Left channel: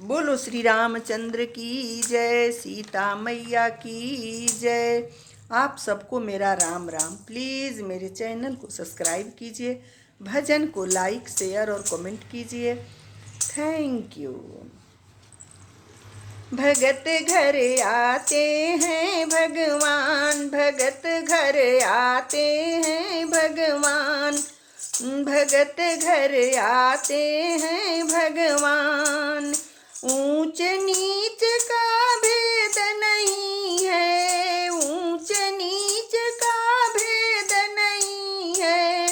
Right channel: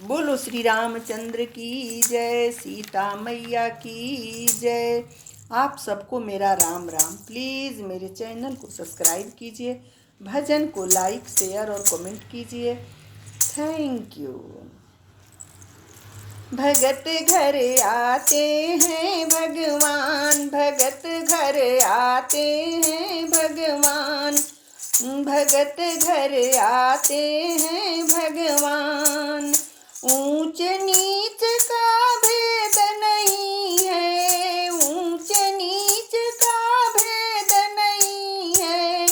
बोलो श्री रामचंद्र की जय, सीता मैया की जय। आप सबको मेरा राम राम। प्लीज़ मेरे चैनल को सब्सक्राइब कीजिए, भजन को लाइक शेयर और कमेंट कीजिए। Thank you. भगत घर आते हैं भगवान, भगत घर आते हैं भगवान, भगत घर आते हैं भगवान। ऊंच नीच का भेद नहीं है, ऊंच नीच का भेद नहीं है,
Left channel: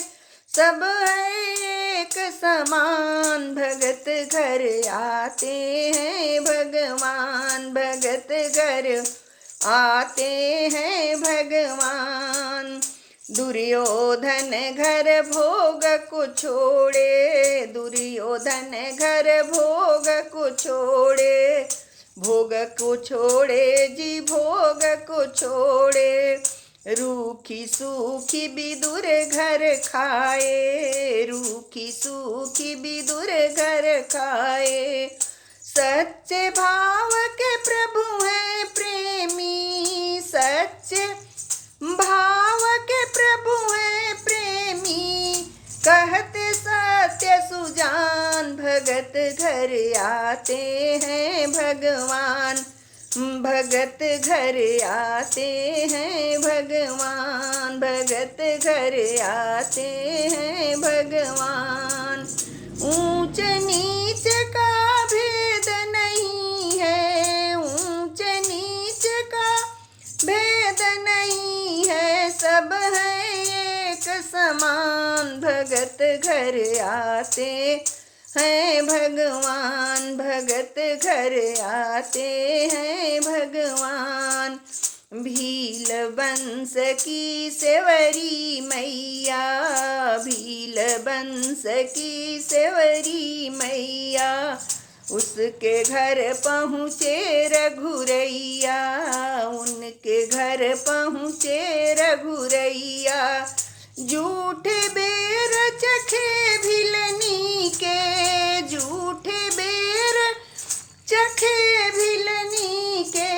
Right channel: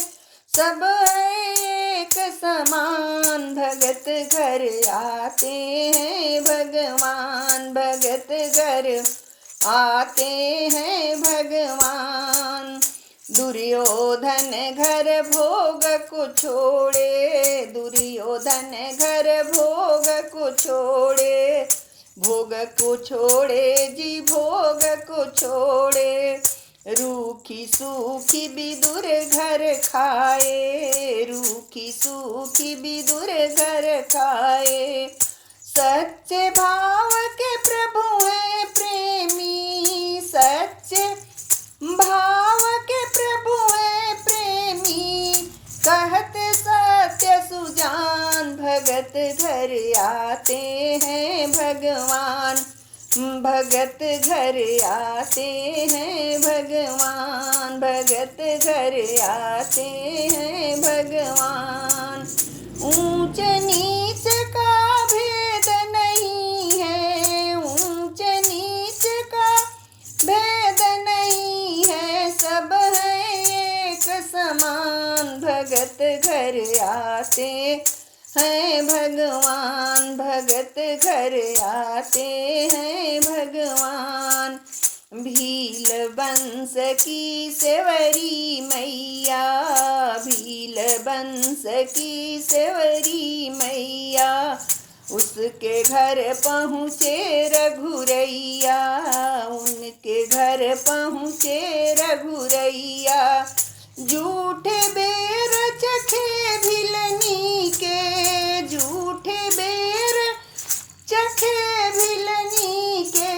सब है एक समान। भगत घर आते हैं भगवान, भगत घर आते हैं भगवान। दुर्योधन घर भोग को छोड़े, दुर्योधन घर भोग को छोड़े, भोग को छोड़े जी भोग को छोड़े। रूखी सूखी विदुर घर खाए, रूखी सूखी विदुर घर खाए। सच्चे भाव के प्रभु हैं प्रेमी, सच्चे भाव के प्रभु हैं प्रेमी, कहते सत्य सुजान। भगत घर आते हैं भगवान, भगत घर आते हैं भगवान, भगत घर आते हैं भगवान। ऊंच नीच का भेद नहीं है, ऊंच नीच का भेद नहीं है, सब है एक समान। भगत घर आते हैं भगवान, भगत घर आते हैं भगवान। भील बंस की सेवरी मैया, भील बंस की सेवरी मैया, उसके घर पहुँचे रघुरैया, उनके घर पहुँचे रघुरैया। झूठे बेर चखे भिलनी के, झूठे बेर चखे भिलनी के,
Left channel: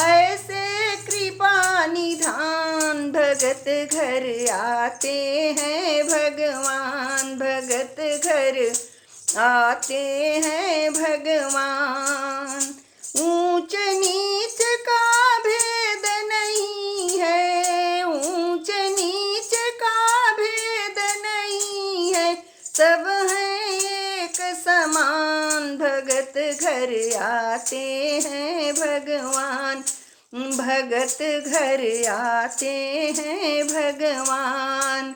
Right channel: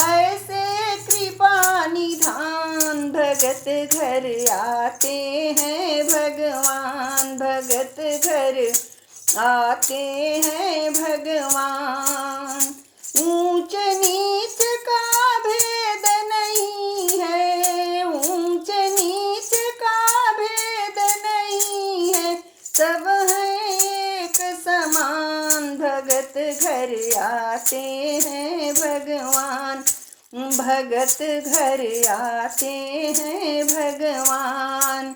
ऐसे कृपा निधान। भगत घर आते हैं भगवान, भगत घर आते हैं भगवान। ऊंच नीच का भेद नहीं है, ऊंच नीच का भेद नहीं है, सब है एक समान। भगत घर आते हैं भगवान, भगत घर आते हैं भगवान।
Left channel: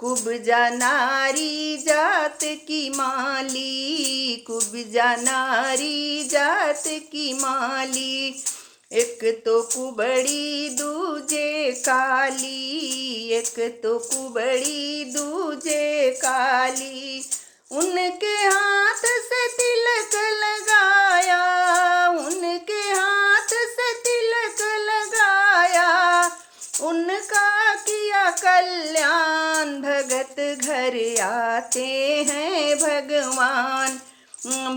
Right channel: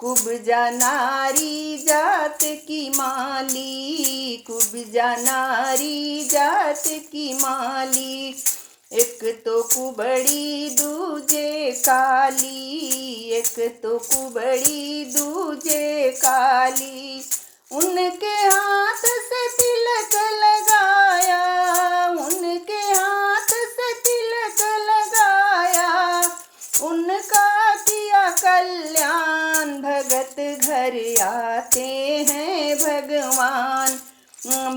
कुब्जा नारी जात की माली, कुब्जा नारी जात की माली, एक तो कुबड़ी दूजे काली, एक तो कुबड़ी दूजे काली। उनके हाथ से तिलक लगाया, उनके हाथ से तिलक लगाया, उनका किया कल्याण। भगत घर आते हैं भगवान,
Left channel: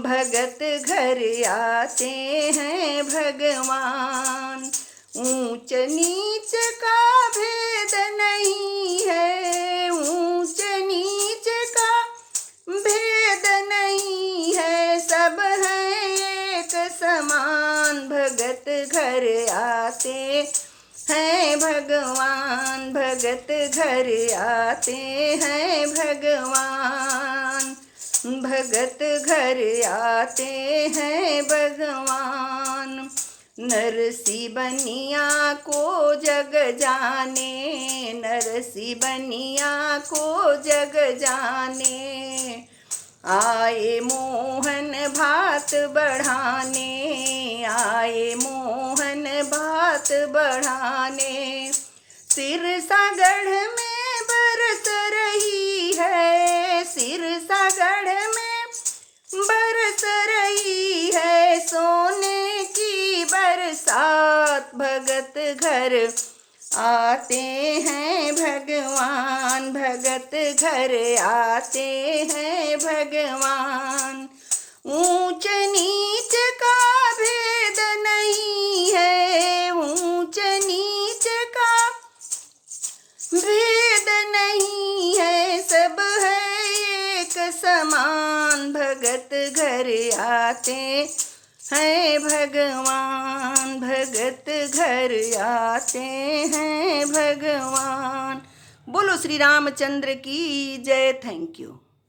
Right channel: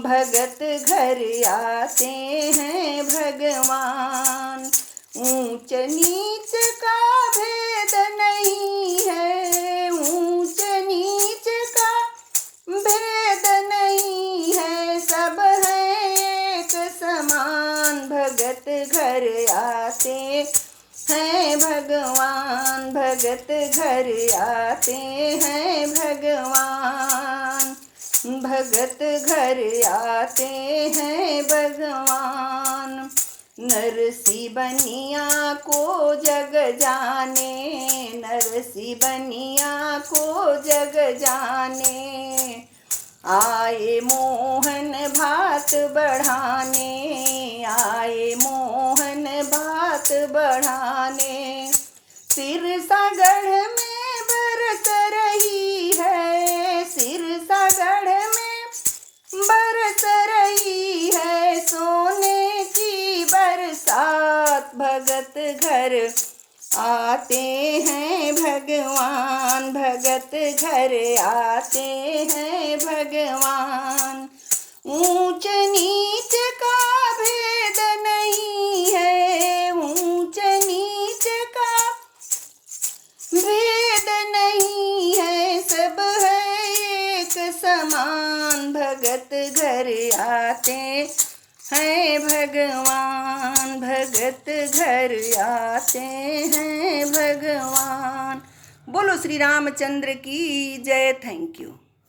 भगत घर आते हैं भगवान। ऊंच नीच का भेद नहीं है, ऊंच नीच का भेद नहीं है, सब है एक समान। भगत घर आते हैं भगवान, भगत घर आते हैं भगवान, भगत घर आते हैं भगवान। नरसी बनिया को जग जाने, नरसी बनिया को जग जाने, आए मोहन भात बढ़ाने, आए मोहन भात बढ़ाने। सिरसागढ़ में बरस रही है, सिरसागढ़ में बरस रही है, सोने की बरसात। भगत घर आते हैं भगवान, भगत घर आते हैं भगवान। ऊंच नीच समान भगत घर आते हैं भगवान, भगत घर आते हैं भगवान। बोलो श्री रामचंद्र की जय। Thank you.